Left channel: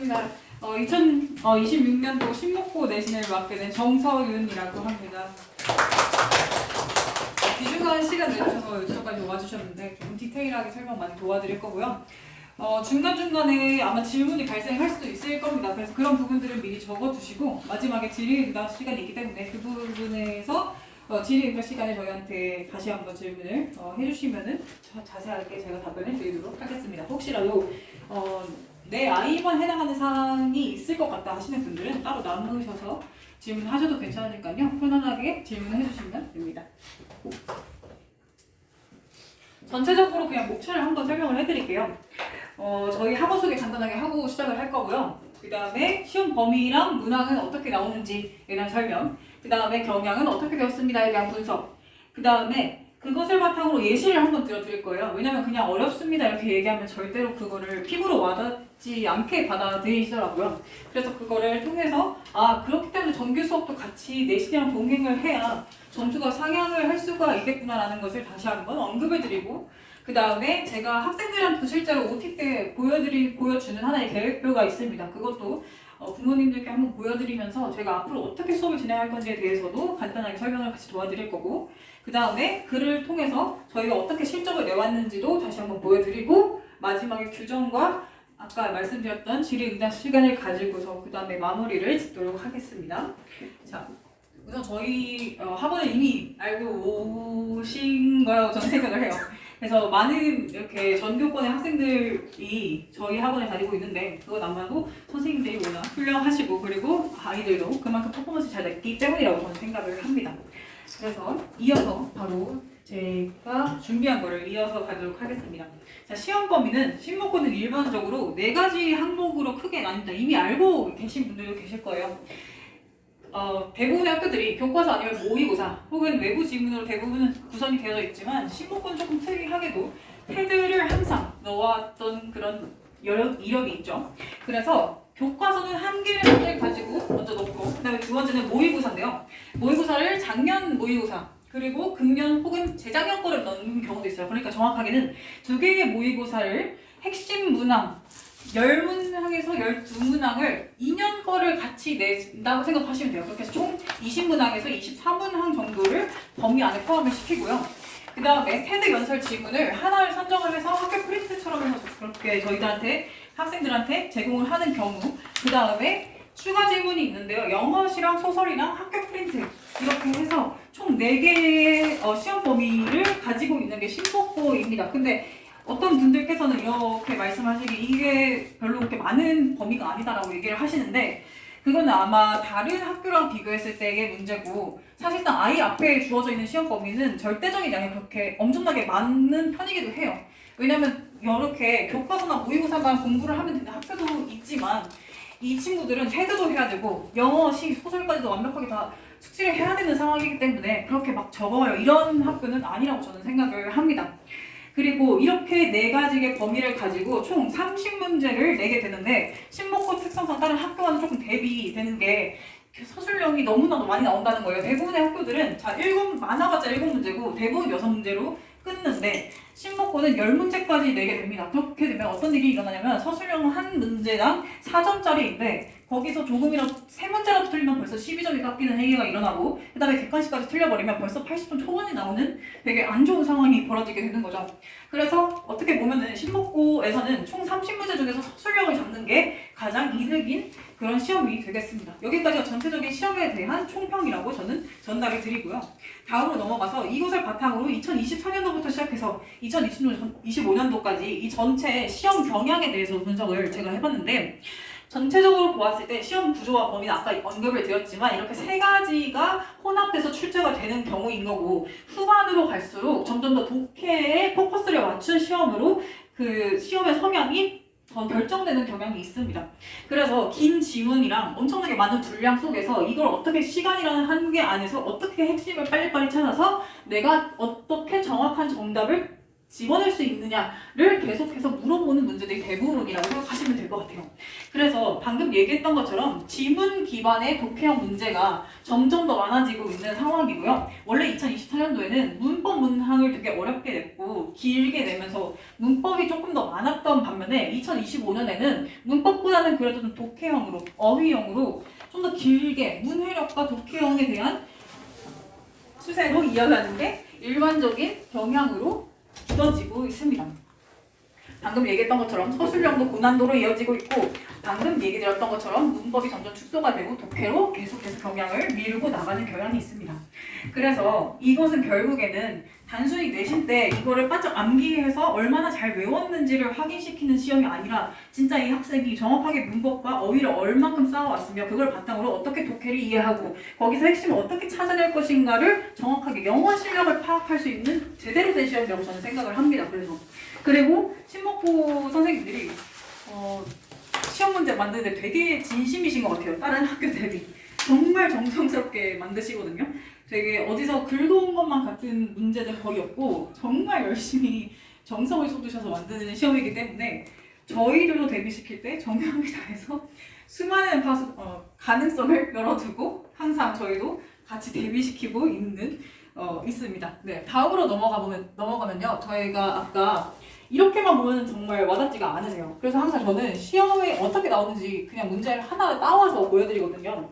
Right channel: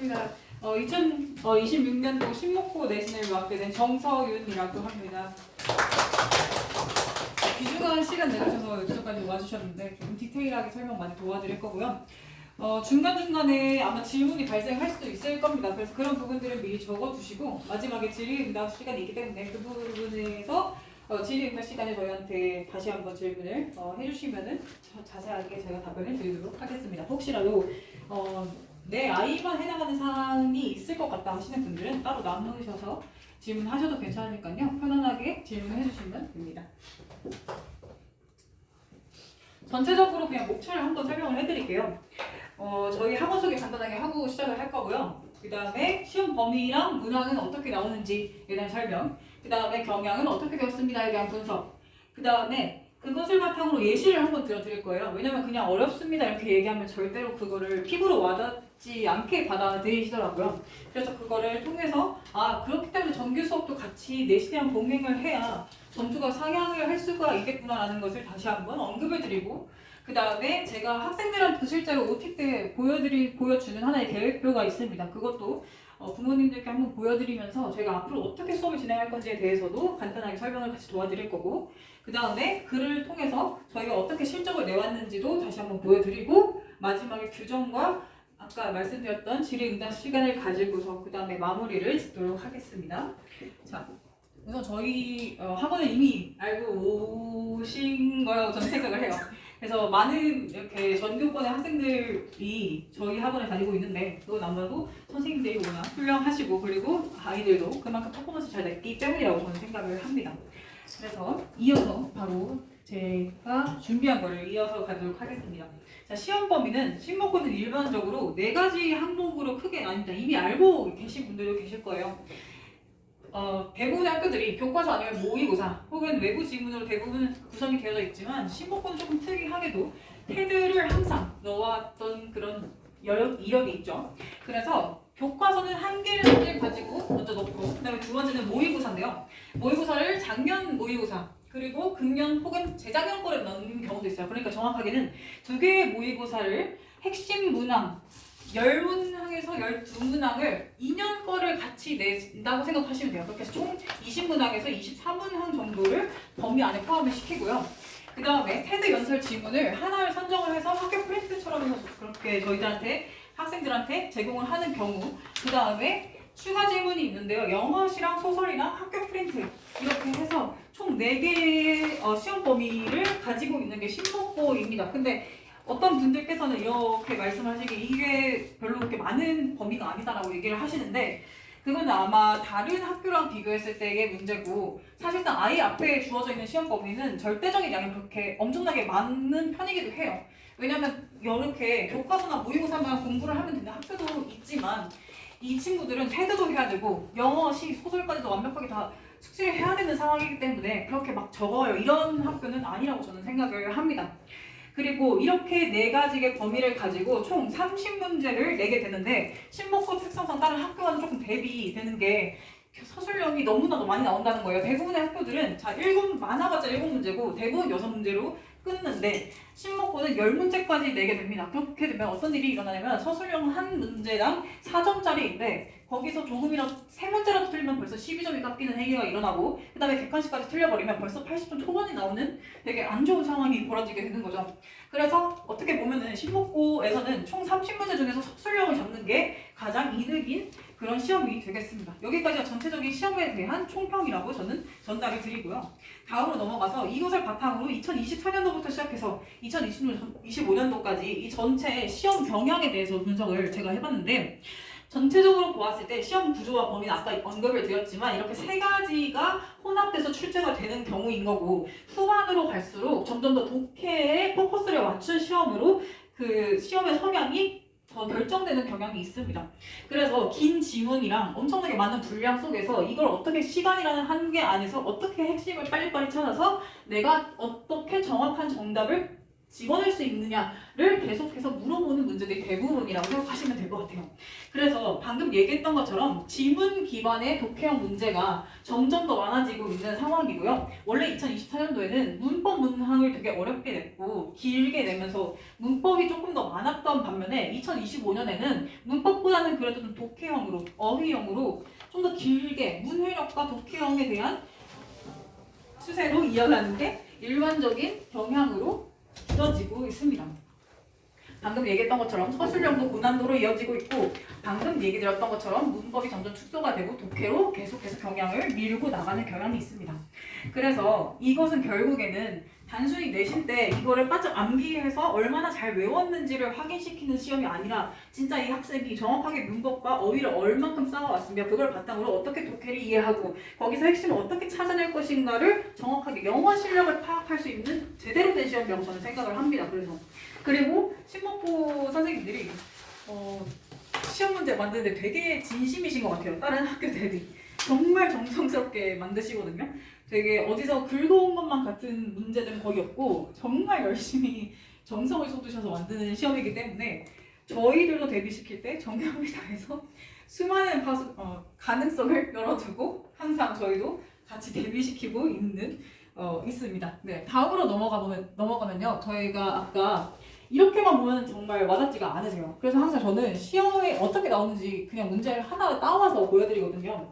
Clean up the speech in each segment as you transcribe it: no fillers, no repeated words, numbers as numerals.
반갑습니다. 2026년도 신목고 내신을 맡게 된 정서윤이라고 합니다. 귀중한 시간 내주셔서 여기까지 와주셨는데 좀 디테일하게 설명 많이 도와드릴 거고요. 중간중간에 아마 질문이 발생할 수도 있을 겁니다. 그래서 그런 부분들을 미리 적어두시고 마지막에 질의응답 시간이 있기 때문에 그 부분에서 질의응답 시간에 저희한테 다시 한번 질문을 해주시면은 자세하게 제가 답변을 드리도록 하겠습니다. 혹시라도 내 아이만 해당하는 사항이 있을 것 같다 하시는 분들은 따로 나누셔서 질문하셔도 괜찮으니까요. 편안하게 질문해 주시면 됩니다. 전체적으로 그냥 목차를 한번 설명을 해드릴게요. 저희 학원 소개 간단하게 하고 시작을 할 거고요. 그 다음에 시험 범위랑 문항은 어떻게 나오는지에 대한 설명, 그 다음에 경향은 어떻게 되었습니다에 대한 분석, 그 다음에 그것을 바탕으로 예시를 한번 들어드릴 거예요. 왜냐면 그냥 어렵습니다 이렇게 얘기하면 절대로 그거를 피부로 와닿지 않게 받아들이시더라고요. 그래서 그거를 통해서 그렇기 때문에 정규 수업도 같이 내신이랑 동행을 해야 점수가 상향을 할 수가 있겠구나라는 것을 다시 한번 언급해드리고, 그 다음에 제가 학생들한테 실제로 OT 때 보여주는 하나의 계획표가 있습니다. 그것도 부모님들께 한번 보여드리면서 제가 앞으로 어떻게 수업을 진행할 건지에 대해서도 간단하게 설명을 같이 도와드릴 거고, 그 다음에 글을 통해서 저희가 어떻게 실적을 내왔는지도 다시 한번 보여드리고, 마지막에 규정과 아까 말씀드렸던 질의응답 시간을 가지고서 그 다음에 마무리를 짓도록 하겠습니다. 자, 우선 저희 학원을 이미 알고 오신 거라고 저는 생각을 해요. 그래서 많은 이렇게 전교권의 학생들이 저희 학원에 다니고 있는데, 그건 아마도 선생님들이 워낙 훌륭하시고 그리고 아이들도 그만큼 퍼포먼스 잘 냈기 때문이라고 저는 생각을 합니다. 그래서 이어서 바로 제가 준비한 거를 이어서 가도록 하겠습니다. 자, 시험 범위는 신목고는 일반적으로 4가지 항목으로 크게 나뉩니다. 이미 알고 계신 분들도 계실 거예요. 대부분의 학교들이 교과서 아니면 모의고사 혹은 외부 지문으로 대부분은 구성이 되어져 있지만, 신목고는 조금 특이하게도 테드를 항상 넣어왔던 그런 이력이 있죠. 그래서 교과서는 한 개를 가지고 먼저 넣고, 그 다음에 두 번째는 모의고사인데요. 모의고사를 작년 모의고사 그리고 금년 혹은 재작년 거를 넣는 경우도 있어요. 그러니까 정확하게는 2개의 모의고사를 핵심 문항 10문항에서 12문항을 2년 거를 같이 낸다고 생각하시면 돼요. 그렇게 해서 총 20문항에서 24문항 정도를 범위 안에 포함을 시키고요. 그 다음에 테드 연설 지문을 하나를 선정을 해서 학교 프린트처럼 해서 그렇게 저희들한테 학생들한테 제공을 하는 경우, 그 다음에 추가 질문이 있는데요. 영어시랑 소설이랑 학교 프린트 이렇게 해서 총 4개의 시험 범위를 가지고 있는 게 신목고입니다. 근데 어떤 분들께서는 이렇게 말씀하시기 이게 별로 그렇게 많은 범위가 아니다라고 얘기를 하시는데, 그거는 아마 다른 학교랑 비교했을 때의 문제고, 사실상 아이 앞에 주어져 있는 시험 범위는 절대적인 양이 그렇게 엄청나게 많은 편이기도 해요. 왜냐면 이렇게 교과서나 모의고사만 공부를 하면 되는 학교도 있지만, 이 친구들은 테드도 해야 되고 영어, 시, 소설까지도 완벽하게 다 숙지를 해야 되는 상황이기 때문에 그렇게 막 적어요. 이런 학교는 아니라고 저는 생각을 합니다. 그리고 이렇게 4가지의 범위를 가지고 총 30문제를 내게 되는데, 신목고 특성상 다른 학교와는 조금 대비되는 게 서술형이 너무나도 많이 나온다는 거예요. 대부분의 학교들은 많아봤자 7문제고 대부분 6문제로 끊는데, 신목고는 10문제까지 내게 됩니다. 그렇게 되면 어떤 일이 일어나냐면, 서술형 한 문제당 4점짜리인데 거기서 조금이라도 3문제라도 틀리면 벌써 12점이 깎이는 행위가 일어나고, 그 다음에 객관식까지 틀려버리면 벌써 80점 초반이 나오는 되게 안 좋은 상황이 벌어지게 되는 거죠. 그래서 어떻게 보면은 신목고에서는 총 30문제 중에서 서술형을 잡는 게 가장 이득인 그런 시험이 되겠습니다. 여기까지가 전체적인 시험에 대한 총평이라고 저는 전달을 드리고요. 다음으로 넘어가서 이것을 바탕으로 2024년도부터 시작해서 2025년도까지 이 전체 시험 경향에 대해서 분석을 제가 해봤는데, 전체적으로 보았을 때 시험 구조와 범위는 아까 언급을 드렸지만 이렇게 3가지가 혼합돼서 출제가 되는 경우인 거고, 후반으로 갈수록 점점 더 독해에 포커스를 맞춘 시험으로 그 시험의 성향이 더 결정되는 경향이 있습니다. 그래서 긴 지문이랑 엄청나게 많은 분량 속에서 이걸 어떻게 시간이라는 한계 안에서 어떻게 핵심을 빨리빨리 찾아서 내가 어떻게 정확한 정답을 집어낼 수 있느냐를 계속해서 물어보는 문제들이 대부분이라고 생각하시면 될 것 같아요. 그래서 방금 얘기했던 것처럼 지문 기반의 독해형 문제가 점점 더 많아지고 있는 상황이고요. 원래 2024년도에는 문법 문항을 되게 어렵게 냈고 길게 내면서 문법이 조금 더 많았던 반면에 2025년에는 문법보다는 그래도 좀 독해형으로, 어휘형으로 좀 더 길게 문해력과 독해형에 대한 추세로 이어가는 게 일반적인 경향으로 굳어지고 있습니다. 방금 얘기했던 것처럼 서술형도 고난도로 이어지고 있고 방금 얘기 드렸던 것처럼 문법이 점점 축소가 되고 독해로 계속해서 경향을 밀고 나가는 경향이 있습니다. 그래서 이것은 결국에는 단순히 내신 때 이거를 바짝 암기해서 얼마나 잘 외웠는지를 확인시키는 시험이 아니라 진짜 이 학생이 정확하게 문법과 어휘를 얼만큼 쌓아왔으며 그걸 바탕으로 어떻게 독해를 이해하고 거기서 핵심을 어떻게 찾아낼 것인가를 정확하게 영어 실력을 파악할 수 있는 제대로 된 시험이라고 저는 생각을 합니다. 그리고 신목고 선생님들이 시험 문제 만드는데 되게 진심이신 것 같아요. 다른 학교 대비 정말 정성스럽게 만드시거든요. 되게 어디서 긁어온 것만 같은 문제들은 거의 없고 정말 열심히 정성을 쏟으셔서 만드는 시험이기 때문에 저희들도 대비시킬 때 정성을 다해서 수많은 가능성을 열어두고 항상 저희도 같이 대비시키고 있습니다. 네, 다음으로 넘어가면요. 저희가 아까 이렇게만 보면 정말 와닿지가 않으세요. 그래서 항상 저는 시험에 어떻게 나오는지 그냥 문제를 하나 따와서 보여드리거든요.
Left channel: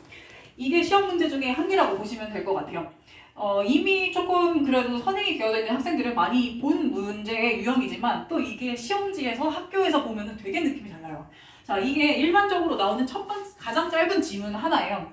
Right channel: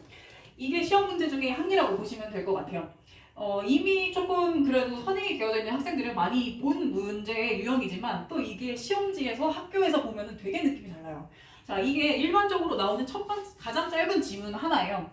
이게 시험 문제 중에 한 개라고 보시면 될 것 같아요. 이미 조금 그래도 선행이 되어져 있는 학생들은 많이 본 문제의 유형이지만 또 이게 시험지에서 학교에서 보면 되게 느낌이 달라요. 자, 이게 일반적으로 나오는 가장 짧은 지문 하나예요.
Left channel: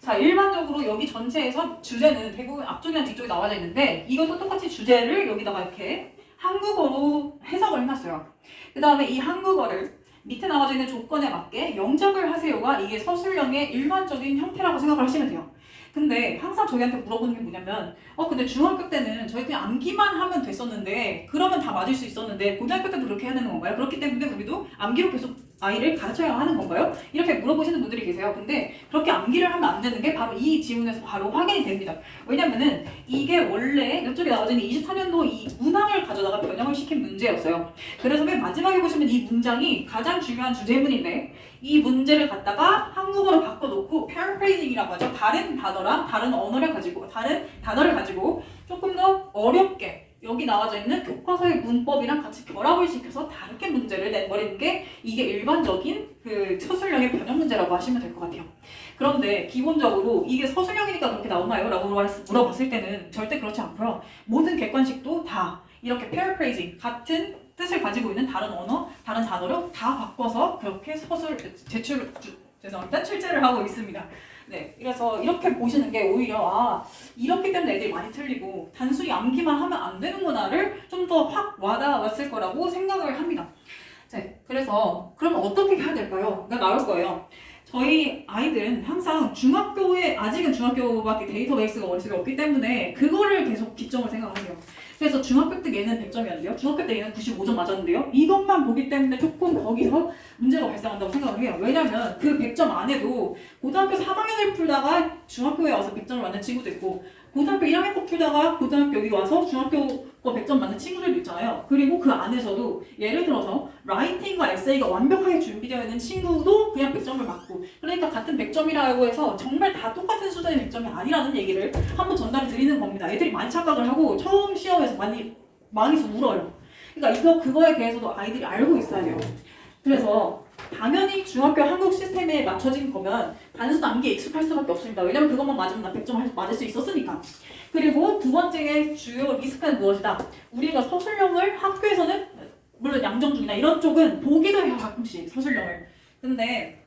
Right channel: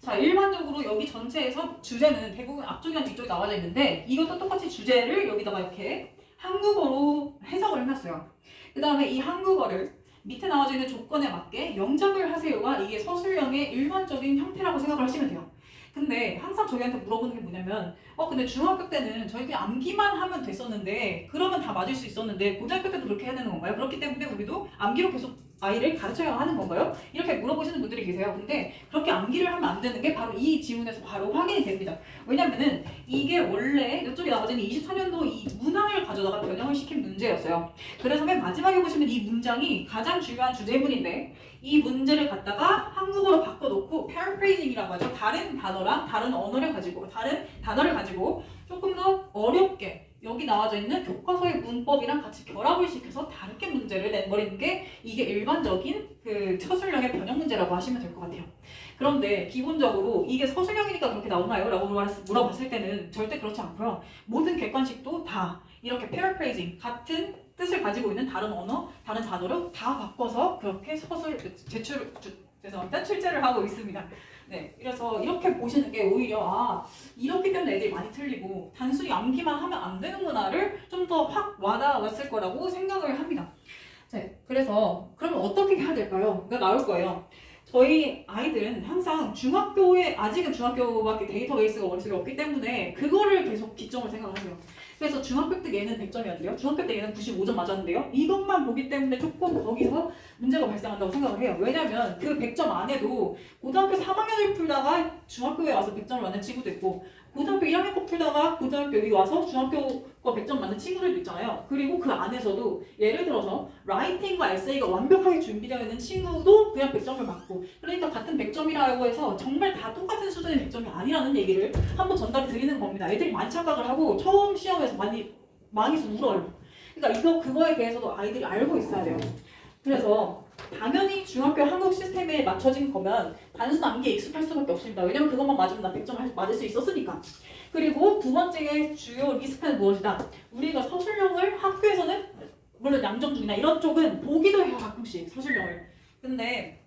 자, 일반적으로 여기 전체에서 주제는 대부분 앞쪽이랑 뒤쪽에 나와져 있는데 이것도 똑같이 주제를 여기다가 이렇게 한국어로 해석을 해놨어요. 그 다음에 이 한국어를 밑에 나와져 있는 조건에 맞게 영작을 하세요가 이게 서술형의 일반적인 형태라고 생각을 하시면 돼요. 근데 항상 저희한테 물어보는 게 뭐냐면 근데 중학교 때는 저희 그냥 암기만 하면 됐었는데 그러면 다 맞을 수 있었는데 고등학교 때도 그렇게 해야 되는 건가요? 그렇기 때문에 우리도 암기로 계속 아이를 가르쳐야 하는 건가요? 이렇게 물어보시는 분들이 계세요. 근데 그렇게 암기를 하면 안 되는 게 바로 이 지문에서 바로 확인이 됩니다. 왜냐면은 이게 원래 이쪽에 나와져 있는 24년도 이 문항을 가져다가 변형을 시킨 문제였어요. 그래서 맨 마지막에 보시면 이 문장이 가장 중요한 주제문인데 이 문제를 갖다가 한국어로 바꿔놓고 paraphrasing이라고 하죠. 다른 단어랑 다른 단어를 가지고 조금 더 어렵게 여기 나와져 있는 교과서의 문법이랑 같이 결합을 시켜서 다르게 문제를 내버리는 게 이게 일반적인 그 서술형의 변형 문제라고 하시면 될 것 같아요. 그런데 기본적으로 이게 서술형이니까 그렇게 나오나요? 라고 물어봤을 때는 절대 그렇지 않고요. 모든 객관식도 다 이렇게 paraphrasing 같은 뜻을 가지고 있는 다른 언어, 다른 단어로 다 바꿔서 그렇게 출제를 하고 있습니다. 네, 그래서 이렇게 보시는 게 오히려 이렇기 때문에 애들이 많이 틀리고 단순히 암기만 하면 안 되는구나를 좀 더 확 와닿았을 거라고 생각을 합니다. 네, 그래서 그러면 어떻게 해야 될까요? 나올 거예요. 저희 아이들은 항상 아직은 중학교밖에 데이터베이스가 머릿속에 없기 때문에 그거를 계속 기점으로 생각하세요. 그래서 중학교 때 얘는 100점이었는데요. 중학교 때 얘는 95점 맞았는데요. 이것만 보기 때문에 조금 거기서 문제가 발생한다고 생각을 해요. 왜냐면 그 100점 안에도 고등학교 3학년을 풀다가 중학교에 와서 100점을 맞는 친구도 있고 고등학교 1학년 거 풀다가 고등학교 여기 와서 중학교 거 100점 맞는 친구들도 있잖아요. 그리고 그 안에서도 예를 들어서 라이팅과 에세이가 완벽하게 준비되어 있는 친구도 그냥 100점을 맞고 그러니까 같은 100점이라고 해서 정말 다 똑같은 수준의 100점이 아니라는 얘기를 한번 전달을 드리는 겁니다. 애들이 많이 착각을 하고 처음 시험에서 많이 울어요. 그러니까 그거에 대해서도 아이들이 알고 있어야 돼요. 그래서 당연히 중학교 한국 시스템에 맞춰진 거면 단순 암기에 익숙할 수밖에 없습니다. 왜냐면 그것만 맞으면 나 100점 맞을 수 있었으니까. 그리고 두 번째의 주요 리스크는 무엇이다? 우리가 서술형을 학교에서는 물론 양정중이나 이런 쪽은 보기도 해요. 가끔씩 서술형을. 근데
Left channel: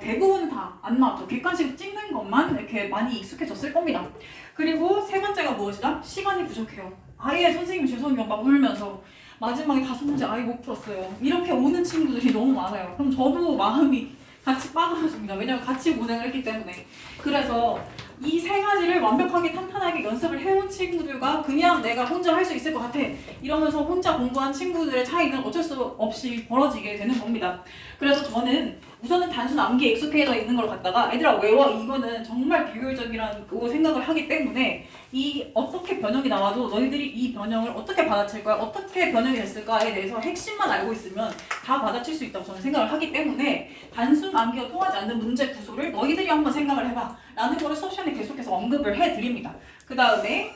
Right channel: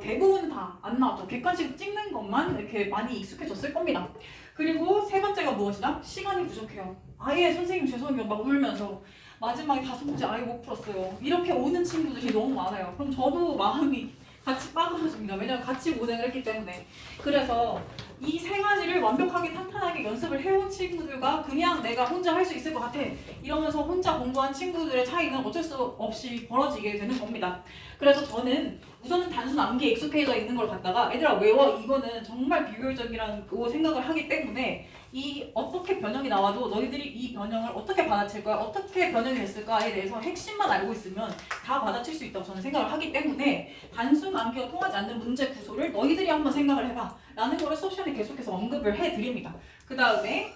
대부분 다 안 나왔죠. 객관식 찍는 것만 이렇게 많이 익숙해졌을 겁니다. 그리고 세 번째가 무엇이다? 시간이 부족해요. 아예 선생님 죄송해요 막 울면서 마지막에 5문제 아예 못 풀었어요. 이렇게 오는 친구들이 너무 많아요. 그럼 저도 마음이 같이 빠그러집니다. 왜냐면 같이 고생을 했기 때문에. 그래서 이 세 가지를 완벽하게 탄탄하게 연습을 해온 친구들과 그냥 내가 혼자 할 수 있을 것 같아 이러면서 혼자 공부한 친구들의 차이는 어쩔 수 없이 벌어지게 되는 겁니다. 그래서 저는 우선은 단순 암기에 익숙해져 있는 걸 갖다가 애들아 외워 이거는 정말 비효율적이라고 생각을 하기 때문에 이 어떻게 변형이 나와도 너희들이 이 변형을 어떻게 받아칠 거야, 어떻게 변형이 됐을까에 대해서 핵심만 알고 있으면 다 받아칠 수 있다고 저는 생각을 하기 때문에 단순 암기가 통하지 않는 문제 구조를 너희들이 한번 생각을 해봐 라는 거를 수업 시간에 계속해서 언급을 해드립니다. 그 다음에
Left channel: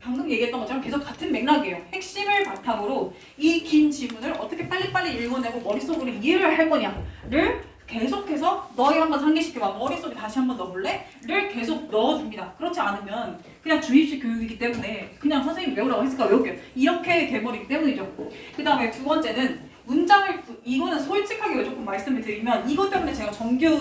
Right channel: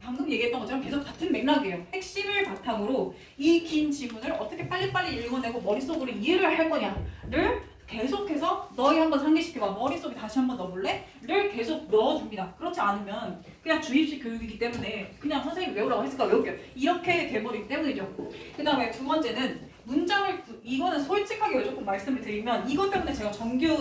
방금 얘기했던 것처럼 계속 같은 맥락이에요. 핵심을 바탕으로 이 긴 지문을 어떻게 빨리빨리 읽어내고 머릿속으로 이해를 할 거냐를 계속해서 너희 한번 상기시켜봐. 머릿속에 다시 한번 넣어볼래? 를 계속 넣어줍니다. 그렇지 않으면 그냥 주입식 교육이기 때문에 그냥 선생님이 외우라고 했으니까 외울게요. 이렇게 돼버리기 때문이죠. 그 다음에 두 번째는 문장을, 이거는 솔직하게 조금 말씀을 드리면 이것 때문에 제가 정규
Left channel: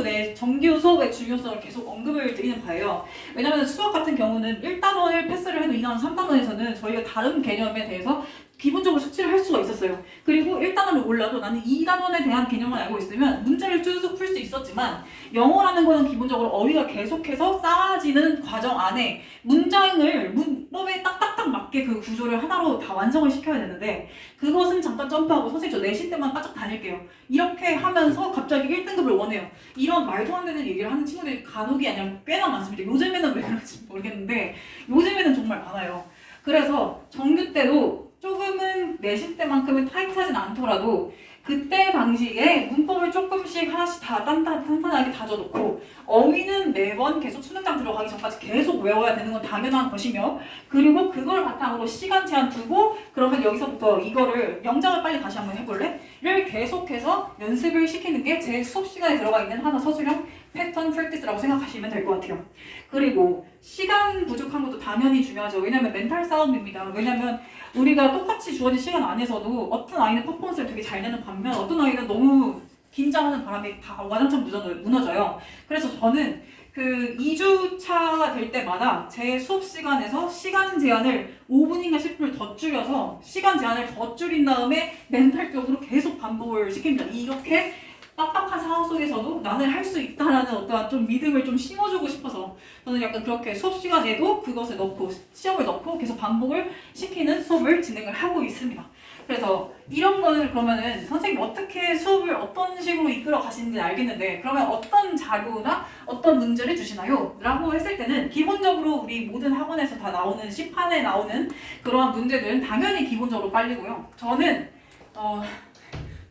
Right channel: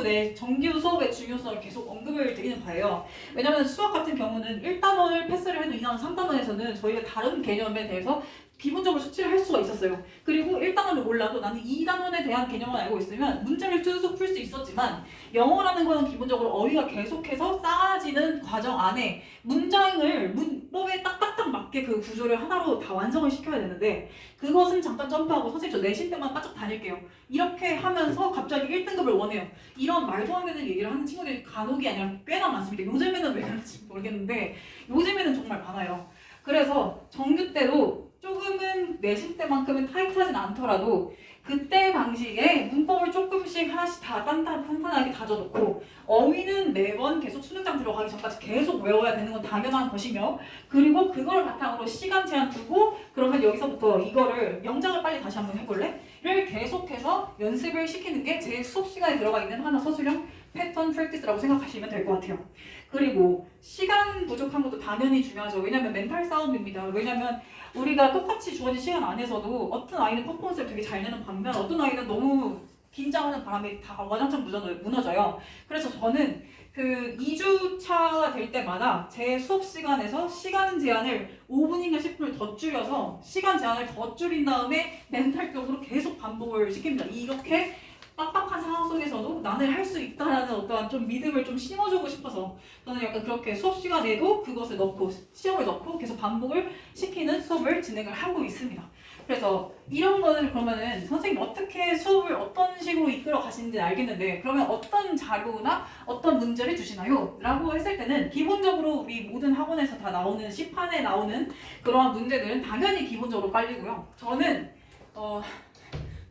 수업의 중요성을 계속 언급을 드리는 거예요. 왜냐면 수학 같은 경우는 1단원을 패스를 해도 2단원, 3단원에서는 저희가 다른 개념에 대해서 기본적으로 숙지를 할 수가 있었어요. 그리고 1단원을 몰라도 나는 2단원에 대한 개념을 알고 있으면 문제를 쭉 풀 수 있었지만 영어라는 거는 기본적으로 어휘가 계속해서 쌓아지는 과정 안에 문장을 문법에 딱딱딱 맞게 그 구조를 하나로 다 완성을 시켜야 되는데 그것은 잠깐 점프하고 선생님 저 내신 때만 바짝 다닐게요. 이렇게 하면서 갑자기 1등급을 원해요. 이런 말도 안 되는 얘기를 하는 친구들이 간혹이 아니라 꽤나 많습니다. 요즘에는 왜 그런지 모르겠는데 요즘에는 정말 많아요. 그래서 정규 때도 조금은 내신 때만큼은 타이트하진 않더라도 그때 방식에 문법을 조금씩 하나씩 다 단단하게 다져놓고 어휘는 매번 계속 수능장 들어가기 전까지 계속 외워야 되는 건 당연한 것이며 그리고 그걸 바탕으로 시간 제한 두고 그러면 여기서부터 이거를 영장을 빨리 다시 한번 해볼래? 를 계속해서 연습을 시키는 게 제 수업 시간에 들어가 있는 하나 서술형 패턴 프랙티스라고 생각하시면 될 것 같아요. 그리고 시간 부족한 것도 당연히 중요하죠. 왜냐면 멘탈 싸움입니다. 왜냐면 우리가 똑같이 주어진 시간 안에서도 어떤 아이는 퍼포먼스를 되게 잘 내는 반면 어떤 아이는 너무 긴장하는 바람에 다 와장창 무너져요. 그래서 저는 그 2주차가 될 때마다 제 수업 시간에서 시간 제한을 5분인가 10분을 더 줄여서 시간 제한을 더 줄인 다음에 멘탈적으로 계속 반복을 시킵니다. 이렇게 빡빡한 상황 속에서도 나는 할 수 있다라는 어떠한 좀 믿음을 좀 심어주고 싶어서 저는 약간 그렇게 수업 시간에도 그것을 넣고 시험을 넣고 계속 반복을 시키는 수업을 진행을 하고 있습니다. 그래서 이런 거는 그러면은 선생님 어떻게 수업을 어떤 식으로 이끌어 가시는지 알겠는데 그러면 어떤 자료나 어떤 문제를 주시나요? 라고 했을 때는 기본적으로 우리 모든 학원에서 다 나오는 시판에 나오는 그러한 문제들은 당연히 기본적으로 빨리고요. 저는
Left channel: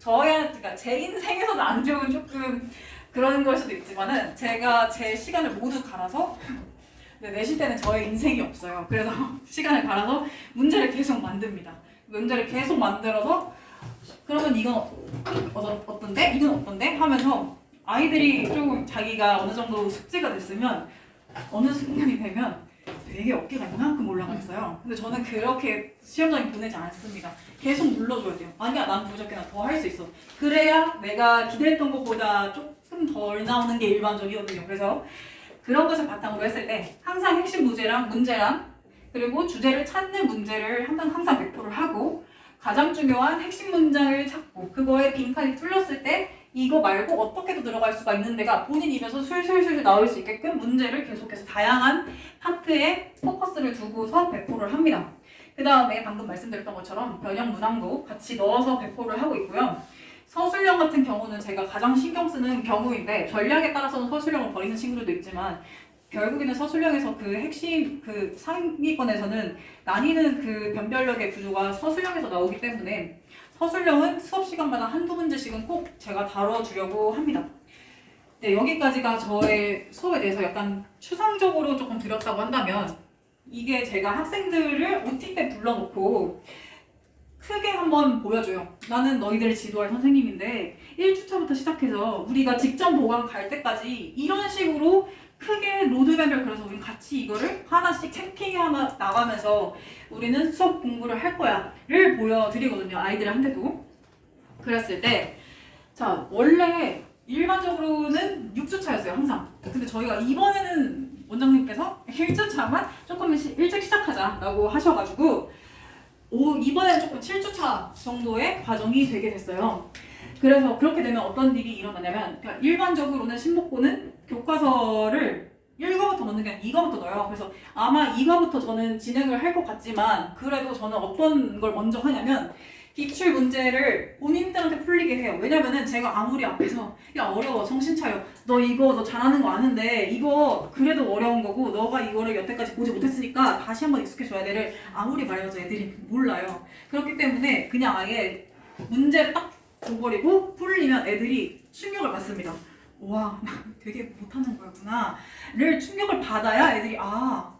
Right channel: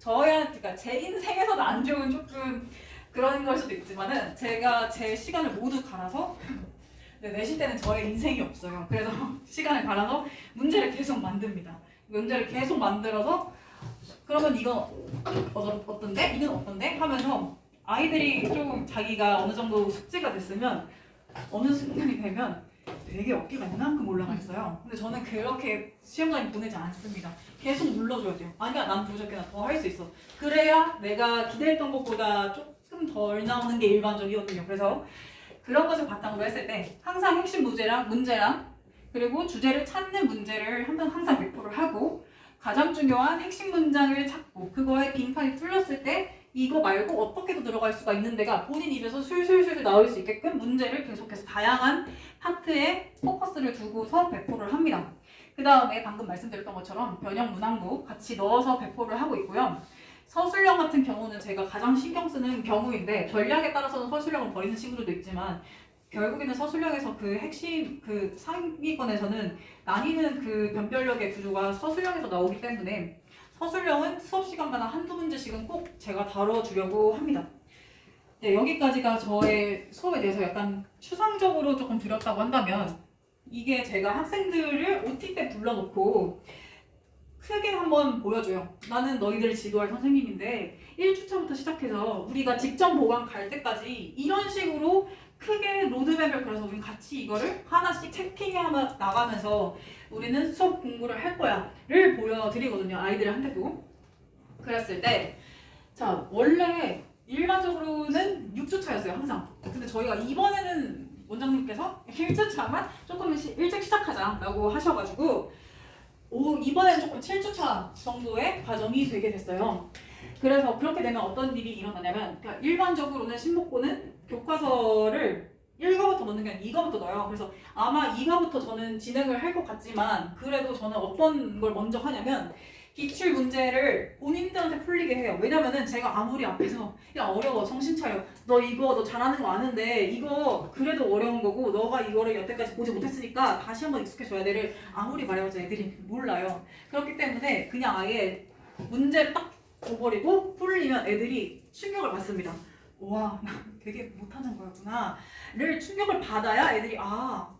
그러니까 제 인생에서는 안 좋은 조금 그런 걸 수도 있지만은 제가 제 시간을 모두 갈아서 내실 때는 저의 인생이 없어요. 그래서 시간을 갈아서 문제를 계속 만듭니다. 문제를 계속 만들어서 그러면 이건 어떤데? 이건 어떤데? 하면서 아이들이 좀 자기가 어느 정도 숙지가 됐으면 어느 순간이 되면 되게 어깨가 이만큼 올라가 있어요. 근데 저는 그렇게 시험장에 보내지 않습니다. 계속 눌러줘야 돼요. 아니야, 난 부족해, 나 더 할 수 있어. 그래야 내가 기대했던 것보다 조금 덜 나오는 게 일반적이거든요. 그래서 그런 것을 바탕으로 했을 때 항상 핵심 문제랑 그리고 주제를 찾는 문제를 항상 배포를 하고 가장 중요한 핵심 문장을 찾고 그거에 빈칸이 뚫렸을 때 이거 말고 어떻게도 들어갈 수가 있는 데가 본인 입에서 술술술 나올 수 있게끔 문제를 계속해서 다양한 파트에 포커스를 두고서 배포를 합니다. 그 다음에 방금 말씀드렸던 것처럼 변형 문항도 같이 넣어서 배포를 하고 있고요. 서술형 같은 경우는 제가 가장 신경 쓰는 경우인데 전략에 따라서는 서술형을 버리는 친구들도 있지만 결국에는 서술형에서 그 핵심 그 상위권에서는 나뉘는 그 변별력의 구조가 서술형에서 나오기 때문에 서술형은 수업 시간마다 한두 문제씩은 꼭 제가 다뤄주려고 합니다. 네, 여기까지가 저의 수업에 대해서 약간 추상적으로 조금 드렸다고 한다면 이게 제가 학생들을 OT 때 불러놓고 크게 한번 보여줘요. 나는 너희들을 지도할 선생님인데 1주차부터 시작해서 우리가 직전 보강 갈 때까지 이런 식으로 크게 로드맵을 그려서 우리 같이 이거를 하나씩 채팅해 나가면서 우리는 수업 공부를 할 거야 를 보여드리거든요. 아이들한테도. 그랬을 때 자 원래 일반적으로는 6주차였어요. 항상. 근데 저희가 이번에는 원장님께서 1주차만 조금 일찍 시작하자라고 하셔가지고 이번에는 조금 7주차 정도의 과정이 되게 됐어요. 그래서 그렇게 되면 어떤 일이 일어나냐면 그러니까 일반적으로는 신목고는 교과서를 1과부터 넣는 게 아니라 2과부터 넣어요. 그래서 아마 2과부터 저는 진행을 할 것 같지만 그래도 저는 어떤 걸 먼저 하냐면 기출 문제를 본인들한테 풀리게 해요. 왜냐면은 제가 아무리 앞에서 야 어려워 정신 차려 너 잘하는 거 아는데 이거 그래도 어려운 거고 너가 이거를 여태까지 보지 못했으니까 다시 한번 익숙해져야 돼를 아무리 말해봐도 애들이 몰라요. 그렇기 때문에 그냥 아예 문제 딱 줘버리고 풀리면 애들이 충격을 받습니다. 와, 나 되게 못하는 거였구나를 충격을 받아야 애들이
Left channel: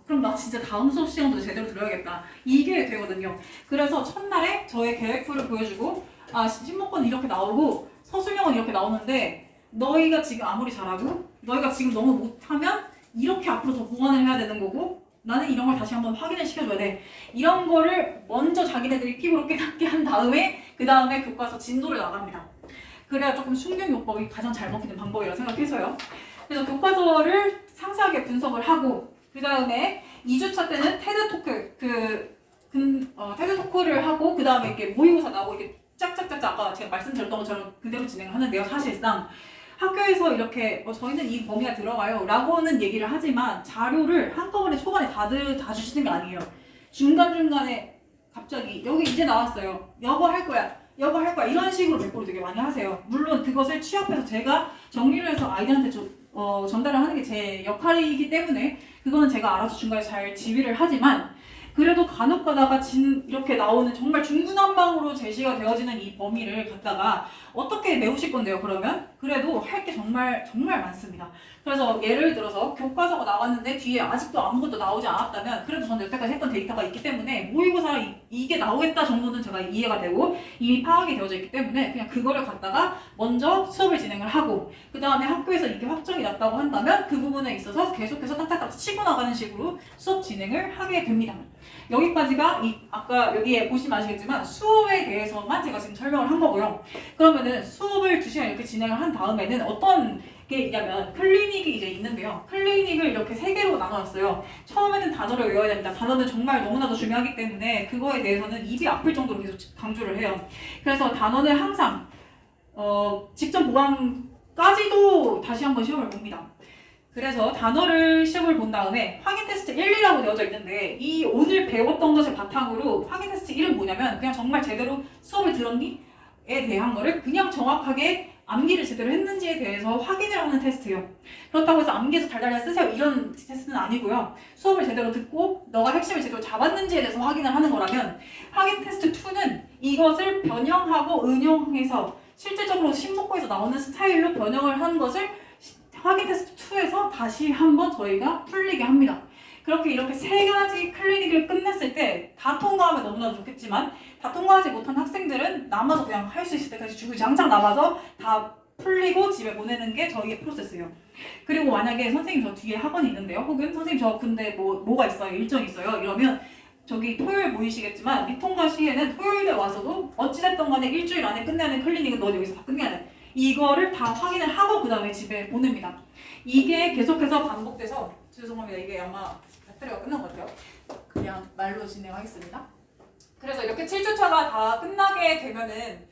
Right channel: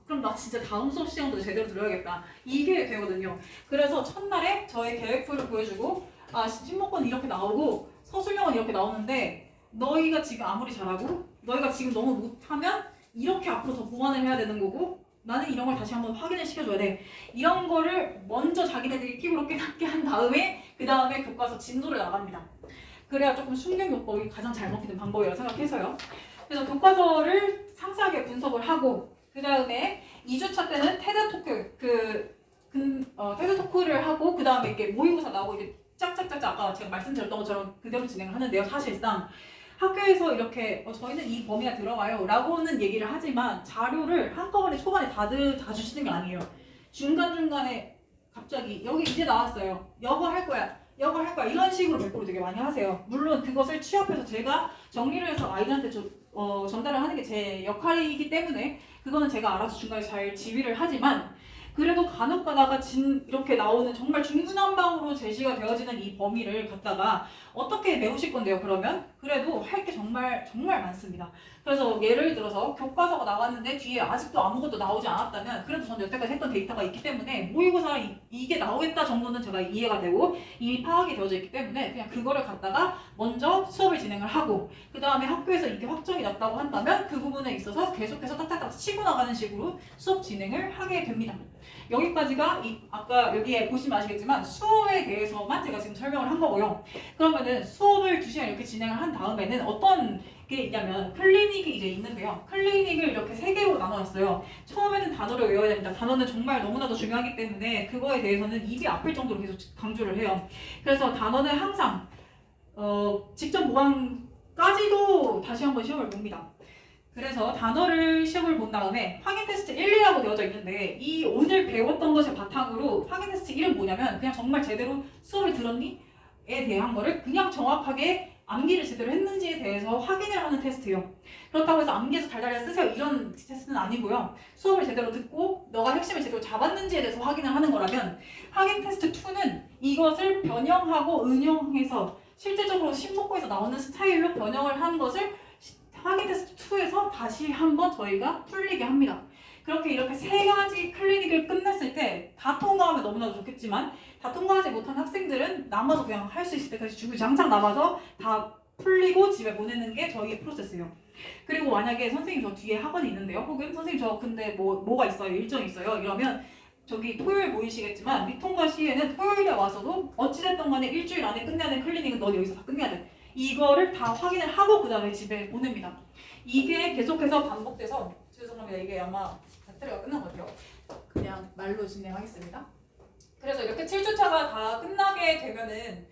그럼 나 진짜 다음 수업 시간도 제대로 들어야겠다 이게 되거든요. 그래서 첫날에 저의 계획표를 보여주고 신목권 이렇게 나오고 서술형은 이렇게 나오는데 너희가 지금 아무리 잘하고 너희가 지금 너무 못하면 이렇게 앞으로 더 보완을 해야 되는 거고 나는 이런 걸 다시 한번 확인을 시켜줘야 돼. 이런 거를 먼저 자기네들이 피부로 깨닫게 한 다음에 그 다음에 교과서 진도를 나갑니다. 그래야 조금 순경요법이 가장 잘 먹히는 방법이라고 생각해서요. 그래서 교과서를 상세하게 분석을 하고 그 다음에 2주차 때는 테드 토크를 하고 그 다음에 이렇게 모의고사 나오고 이게 짝짝짝짝 아까 제가 말씀드렸던 것처럼 그대로 진행을 하는데요. 사실상 학교에서 이렇게 저희는 이 범위가 들어가요 라고는 얘기를 하지만 자료를 한꺼번에 초반에 다 주시는 게 아니에요. 중간중간에 갑자기 여기 이제 나왔어요. 여거 할 거야 이런 식으로 배포를 되게 많이 하세요. 물론 그것을 취업해서 제가 정리를 해서 아이들한테 전달을 하는 게 제 역할이기 때문에 그거는 제가 알아서 중간에 잘 지휘를 하지만 그래도 간혹 가다가 이렇게 나오는 정말 중구난방으로 제시가 되어지는 이 범위를 갖다가 어떻게 메우실 건데요, 그러면? 그래도 할 게 정말 많습니다. 그래서 예를 들어서 교과서가 나왔는데 뒤에 아직도 아무것도 나오지 않았다면 그래도 저는 여태까지 했던 데이터가 있기 때문에 모의고사가 이게 나오겠다 정도는 제가 이해가 되고 이미 파악이 되어져 있기 때문에 그냥 그거를 갖다가 먼저 수업을 진행을 하고 그 다음에 학교에서 이게 확정이 났다고 한다면 그 부분에 있어서 계속해서 딱딱딱 치고 나가는 식으로 수업 진행을 하게 됩니다. 여기까지가 아까 여기에 보시면 아시겠지만 수업에 대해서만 제가 지금 설명을 한 거고요. 그러면은 수업을 2시간 이렇게 진행을 한 다음에는 어떤 게 있냐면 클리닉이 이제 있는데요. 클리닉을 이렇게 3개로 나눠놨어요. 처음에는 단어를 외워야 됩니다. 단어는 정말 너무나도 중요하기 때문에 그거에 대해서는 입이 아플 정도로 계속 강조를 해요. 그래서 단어는 항상 직접 보완까지도 다시 한번 시험을 봅니다. 그래서 단어를 시험을 본 다음에 확인 테스트 1, 2라고 되어져 있는데 이 오늘 배웠던 것을 바탕으로 확인 테스트 1은 뭐냐면 그냥 정말 제대로 수업을 들었니? 에 대한 거를 그냥 정확하게 암기를 제대로 했는지에 대해서 확인을 하는 테스트예요. 그렇다고 해서 암기에서 달달달 쓰세요 이런 테스트는 아니고요. 수업을 제대로 듣고 너가 핵심을 제대로 잡았는지에 대해서 확인을 하는 거라면 확인 테스트 2는 이것을 변형하고 응용해서 실질적으로 신목고에서 나오는 스타일로 변형을 하는 것을 확인 테스트 2에서 다시 한번 저희가 풀리게 합니다. 이렇게 3가지 클리닉을 끝냈을 때 다 통과하면 너무나 좋겠지만 다 통과하지 못한 학생들은 남아서 그냥 할 수 있을 때까지 주구장창 남아서 다 풀리고 집에 보내는 게 저희의 프로세스예요. 그리고 만약에 선생님 저 뒤에 학원이 있는데요. 혹은 선생님 저 근데 뭐가 있어요. 일정이 있어요. 이러면 저기 토요일 보이시겠지만 미통과 시에는 토요일에 와서도 어찌됐든 간에 일주일 안에 끝내야 되는 클리닉은 너 여기서 다 끝내야 돼. 이거를 다 확인을 하고 그 다음에 집에 보냅니다. 이게 계속해서 반복돼서 죄송합니다. 이게 아마 배터리가 끝난 것 같아요. 그냥 말로 진행하겠습니다. 그래서 이렇게 7주차가 다 끝나게 되면은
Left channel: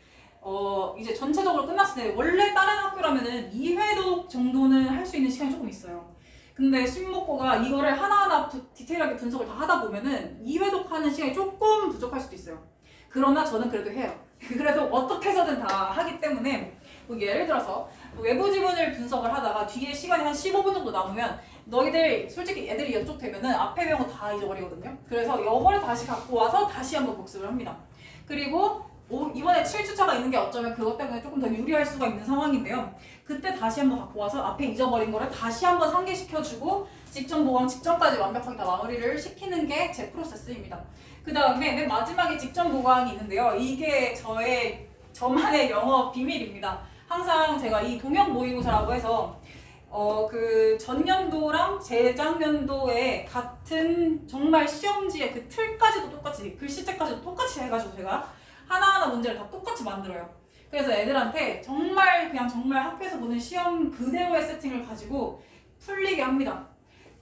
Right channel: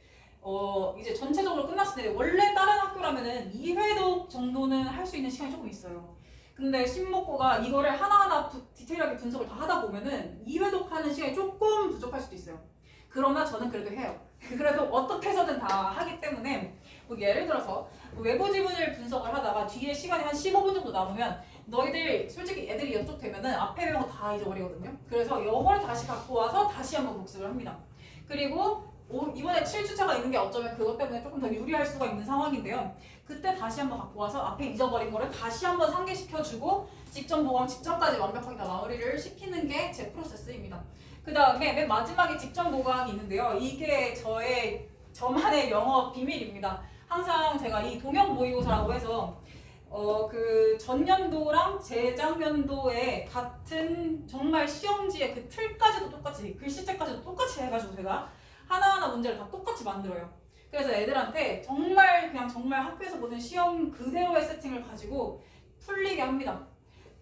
이제 전체적으로 끝났을 때 원래 다른 학교라면은 2회독 정도는 할 수 있는 시간이 조금 있어요. 근데 신목고가 이거를 하나하나 디테일하게 분석을 다 하다 보면은 2회독 하는 시간이 조금 부족할 수도 있어요. 그러나 저는 그래도 해요. 그래도 어떻게 해서든 다 하기 때문에 예를 들어서 외부 지문을 분석을 하다가 뒤에 시간이 한 15분 정도 남으면 너희들 솔직히 애들이 연쪽 되면은 앞에 배운 거 다 잊어버리거든요. 그래서 이거를 다시 갖고 와서 다시 한번 복습을 합니다. 그리고 이번에 7주차가 있는 게 어쩌면 그것 때문에 조금 더 유리할 수가 있는 상황인데요. 그때 다시 한번 갖고 와서 앞에 잊어버린 거를 다시 한번 상기시켜주고 직전 보강 직전까지 완벽하게 다 마무리를 시키는 게 제 프로세스입니다. 그 다음에 맨 마지막에 직전 보강이 있는데요. 이게 저만의 영업 비밀입니다. 항상 제가 이 동형 모의고사라고 해서 그 전년도랑 재작년도에 같은 정말 시험지의 그 틀까지도 똑같이 글씨체까지도 똑같이 해가지고 제가 하나하나 문제를 다 똑같이 만들어요. 그래서 애들한테 정말 학교에서 보는 시험 그대로의 세팅을 가지고 풀리게 합니다.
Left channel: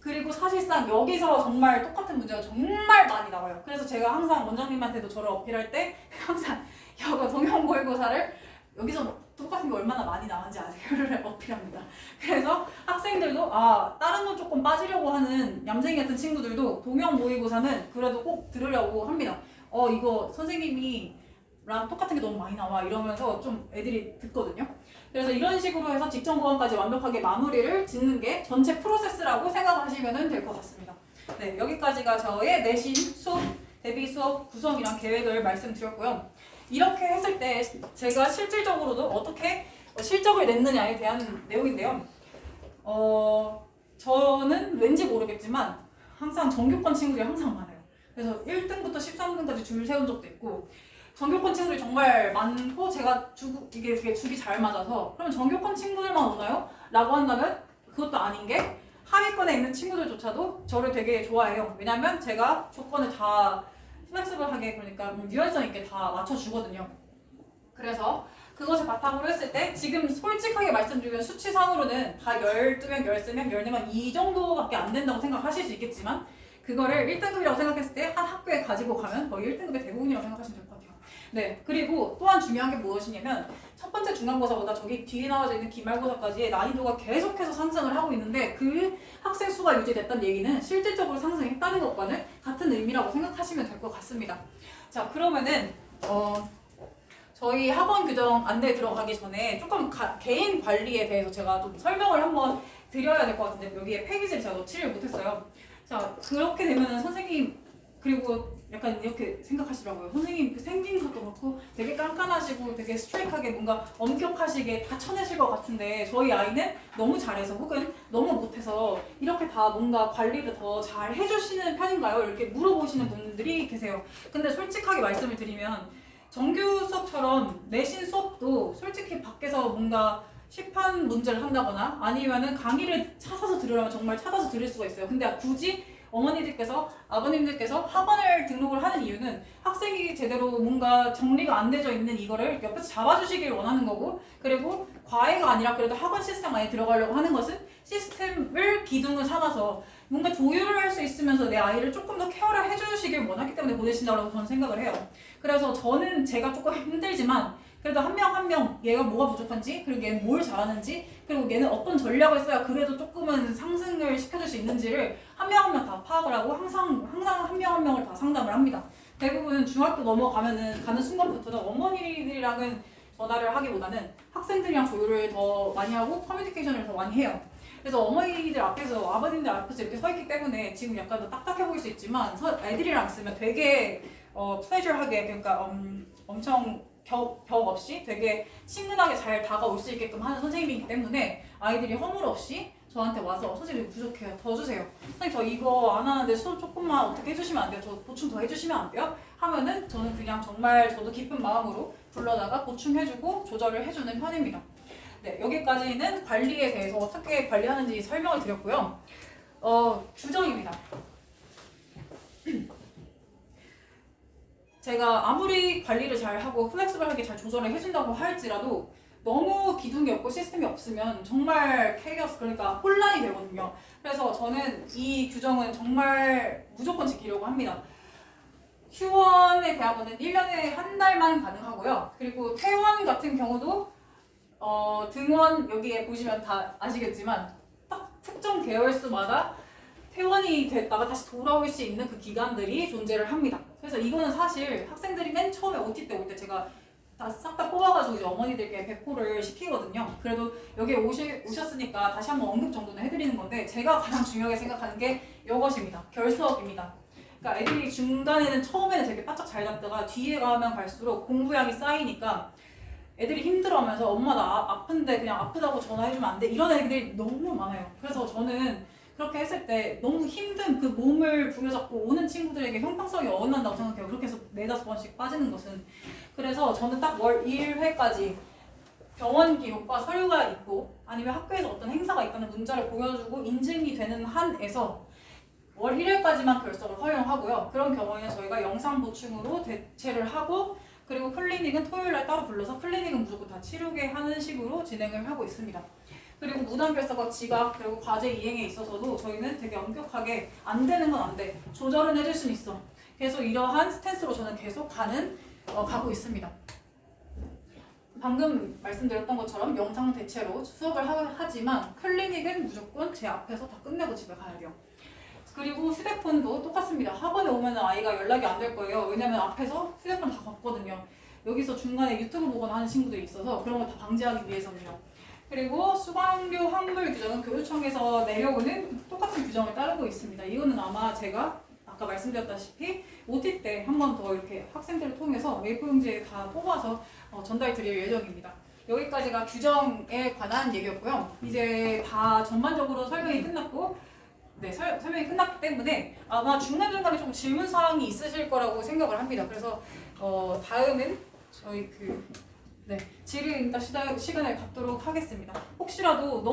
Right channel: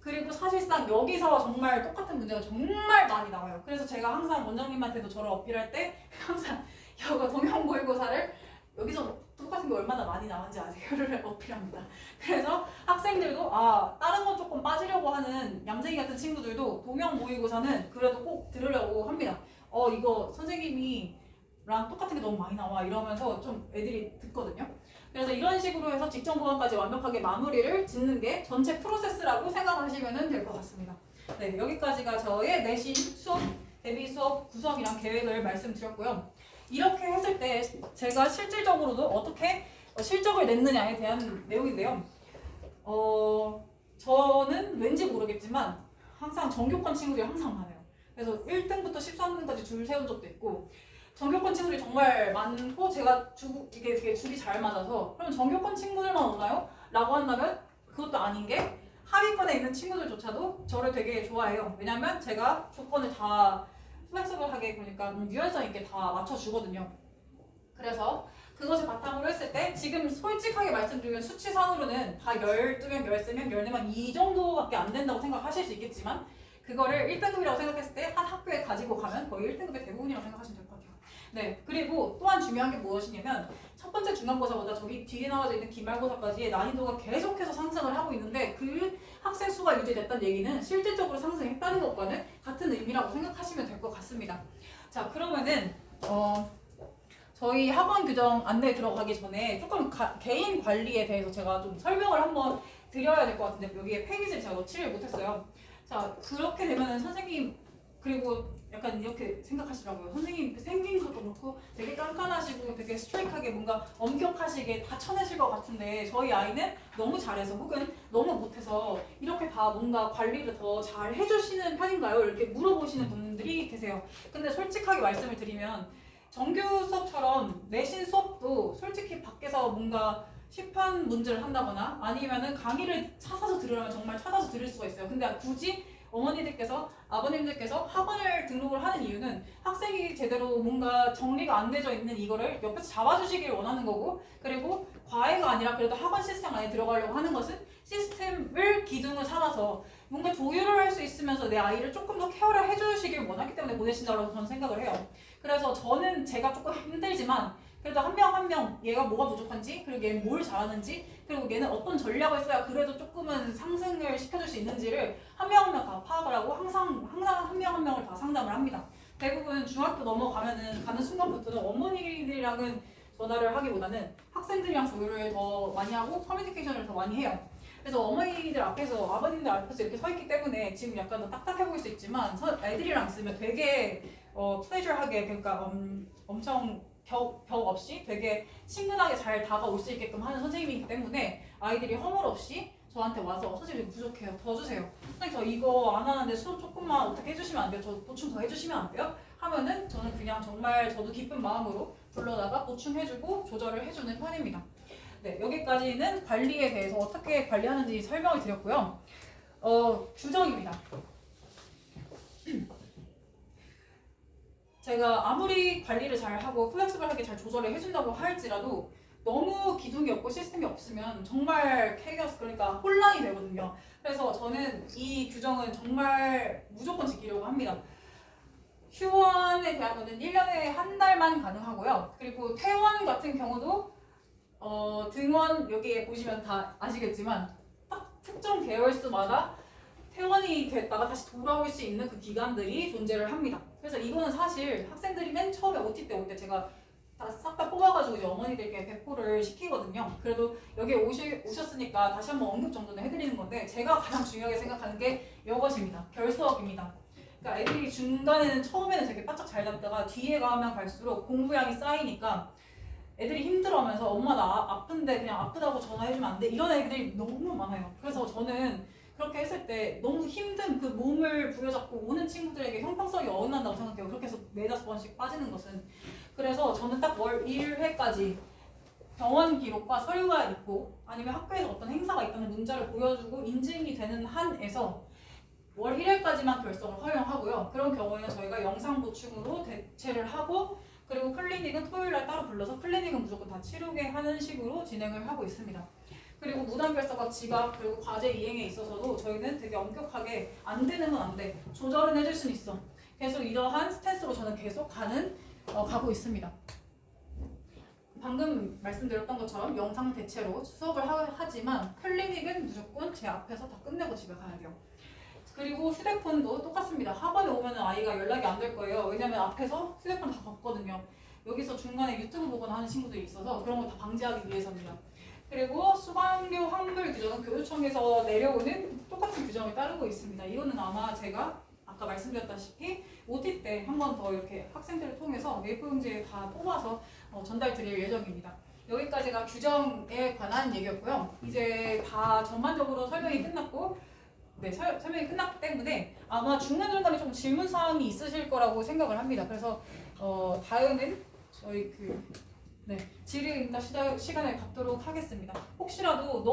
그리고 사실상 여기서 정말 똑같은 문제가 정말 많이 나와요. 그래서 제가 항상 원장님한테도 저를 어필할 때 항상 이거 동형 모의고사를 여기서 똑같은 게 얼마나 많이 나왔는지 아세요를 어필합니다. 그래서 학생들도 다른 건 조금 빠지려고 하는 얌생이 같은 친구들도 동형 모의고사는 그래도 꼭 들으려고 합니다. 이거 선생님이 랑 똑같은 게 너무 많이 나와 이러면서 좀 애들이 듣거든요. 그래서 이런 식으로 해서 직전 보완까지 완벽하게 마무리를 짓는 게 전체 프로세스라고 생각하시면 될 것 같습니다. 네, 여기까지가 저의 내신 수업, 대비 수업 구성이랑 계획을 말씀드렸고요. 이렇게 했을 때 제가 실질적으로도 어떻게 실적을 냈느냐에 대한 내용인데요. 저는 왠지 모르겠지만 항상 전교권 친구들이 항상 많아요. 그래서 1등부터 13등까지 줄 세운 적도 있고 전교권 친구들이 정말 많고 제가 이게 되게 줄이 잘 맞아서 그럼 전교권 친구들만 오나요? 라고 한다면 그것도 아닌 게 하위권에 있는 친구들조차도 저를 되게 좋아해요. 왜냐면 제가 조건을 다 플렉스블하게 그러니까 유연성 있게 다 맞춰주거든요. 그래서 그것을 바탕으로 했을 때 지금 솔직하게 말씀드리면 수치상으로는 다 12명, 13명, 14명 이 정도밖에 안 된다고 생각하실 수 있겠지만 그거를 1등급이라고 생각했을 때 한 학교에 가지고 가면 거의 1등급의 대부분이라고 생각하시면 될 것 같아요. 네, 그리고 또한 중요한 게 무엇이냐면 첫 번째 중간고사보다 저기 뒤에 나와져 있는 기말고사까지의 난이도가 계속해서 상승을 하고 있는데 그 학생 수가 유지됐다는 얘기는 실질적으로 상승했다는 것과는 같은 의미라고 생각하시면 될 것 같습니다. 자, 그러면은 저희 학원 규정 안내 들어가기 전에 조금 개인 관리에 대해서 제가 좀 설명을 한번 드려야 될 것 같은데 여기에 페이지를 제가 넣지를 못했어요. 자, 그렇게 되면은 선생님 그리고 약간 이렇게 생각하시더라고요. 선생님 생긴 것도 그렇고 되게 깐깐하시고 되게 스트레이트하게 뭔가 엄격하시게 다 쳐내실 것 같은데 저희 아이는 너무 잘해서 혹은 너무 못해서 이렇게 다 뭔가 관리를 더 잘 해주시는 편인가요? 이렇게 물어보시는 분들이 계세요. 근데 솔직하게 말씀을 드리면 정규 수업처럼 내신 수업도 솔직히 밖에서 뭔가 시판 문제를 한다거나 아니면은 강의를 찾아서 들으려면 정말 찾아서 들을 수가 있어요. 근데 굳이 어머니들께서 아버님들께서 학원을 등록을 하는 이유는 학생이 제대로 뭔가 정리가 안 되어 있는 이거를 옆에서 잡아주시길 원하는 거고 그리고 과외가 아니라 그래도 학원 시스템 안에 들어가려고 하는 것은 시스템을 기둥을 삼아서 뭔가 조율을 할 수 있으면서 내 아이를 조금 더 케어를 해주시길 원하기 때문에 보내신다고 저는 생각을 해요. 그래서 저는 제가 조금 힘들지만 그래도 한 명 한 명 얘가 뭐가 부족한지 그리고 얘는 뭘 잘하는지 그리고 얘는 어떤 전략을 써야 그래도 조금은 상승을 시켜줄 수 있는지를 한 명 한 명 다 파악을 하고 항상 한 명 한 명을 다 상담을 합니다. 대부분 중학교 넘어가면은 가는 순간부터는 어머니들이랑은 전화를 하기보다는 학생들이랑 조율을 더 많이 하고 커뮤니케이션을 더 많이 해요. 그래서 어머니들 앞에서 아버님들 앞에서 이렇게 서 있기 때문에 지금 약간 더 딱딱해 보일 수 있지만 애들이랑 있으면 되게 플레저하게 그러니까 엄청 벽 없이 되게 친근하게 잘 다가올 수 있게끔 하는 선생님이기 때문에 아이들이 허물 없이 저한테 와서 선생님 부족해요. 더 주세요. 선생님 저 이거 안 하는데 수업 조금만 어떻게 해주시면 안 돼요? 저 보충 더 해주시면 안 돼요? 하면은 저는 그냥 정말 저도 기쁜 마음으로 불러다가 보충해주고 조절을 해주는 편입니다. 네, 여기까지는 관리에 대해서 어떻게 관리하는지 설명을 드렸고요. 규정입니다. 제가 아무리 관리를 잘하고 플렉스블하게 잘 조절을 해준다고 할지라도 너무 기둥이 없고 시스템이 없으면 정말 케이오스 그러니까 혼란이 되거든요. 그래서 저는 이 규정은 정말 무조건 지키려고 합니다. 휴원에 대한 거는 1년에 한 달만 가능하고요. 그리고 퇴원 같은 경우도 등원 여기에 보시면 다 아시겠지만 딱 특정 계열수마다 퇴원이 됐다가 다시 돌아올 수 있는 그 기간들이 존재를 합니다. 그래서 이거는 사실 학생들이 맨 처음에 OT 때 올 때 제가 다 싹 다 뽑아가지고 이제 어머니들께 배포를 시키거든요. 그래도 여기 오셨으니까 다시 한번 언급 정도는 해드리는 건데 제가 가장 중요하게 생각하는 게 이것입니다. 결석입니다. 그러니까 애들이 중간에는 처음에는 되게 바짝 잘 잡다가 뒤에 가면 갈수록 공부량이 쌓이니까 애들이 힘들어하면서 엄마 나 아픈데 그냥 아프다고 전화해주면 안 돼? 이런 애들이 너무 많아요. 그래서 저는 그렇게 했을 때 너무 힘든 그 몸을 부여잡고 오는 친구들에게 형평성이 어긋난다고 생각해요. 그렇게 해서 4-5번씩 빠지는 것은. 그래서 저는 딱 월 1회까지 병원 기록과 서류가 있고 아니면 학교에서 어떤 행사가 있다는 문자를 보여주고 인증이 되는 한에서 월 1회까지만 결석을 허용하고요. 그런 경우에는 저희가 영상 보충으로 대체를 하고 그리고 클리닉은 토요일날 따로 불러서 클리닉은 무조건 다 치르게 하는 식으로 진행을 하고 있습니다. 그리고 무단 결석과 지각 그리고 과제 이행에 있어서도 저희는 되게 엄격하게 안 되는 건 안 돼. 조절은 해줄 수는 있어. 계속 이러한 스탠스로 저는 계속 가고 있습니다. 방금 말씀드렸던 것처럼 영상 대체로 수업을 하지만 클리닉은 무조건 제 앞에서 다 끝내고 집에 가야 돼요. 그리고 휴대폰도 똑같습니다. 학원에 오면 아이가 연락이 안 될 거예요. 왜냐면 앞에서 휴대폰 다 봤거든요. 여기서 중간에 유튜브 보거나 하는 친구들이 있어서 그런 거 다 방지하기 위해서입니다. 그리고 수강료 환불 규정은 교육청에서 내려오는 똑같은 규정을 따르고 있습니다. 이거는 아마 제가 아까 말씀드렸다시피 OT 때 한 번 더 이렇게 학생들을 통해서 A4용지에 다 뽑아서 전달 드릴 예정입니다. 여기까지가 규정에 관한 얘기였고요. 이제 다 전반적으로 설명이 끝났고, 네, 설명이 끝났기 때문에 아마 중간중간에 좀 질문사항이 있으실 거라고 생각을 합니다. 그래서 다음은 저희 질의 응답 시간을 갖도록 하겠습니다. 혹시라도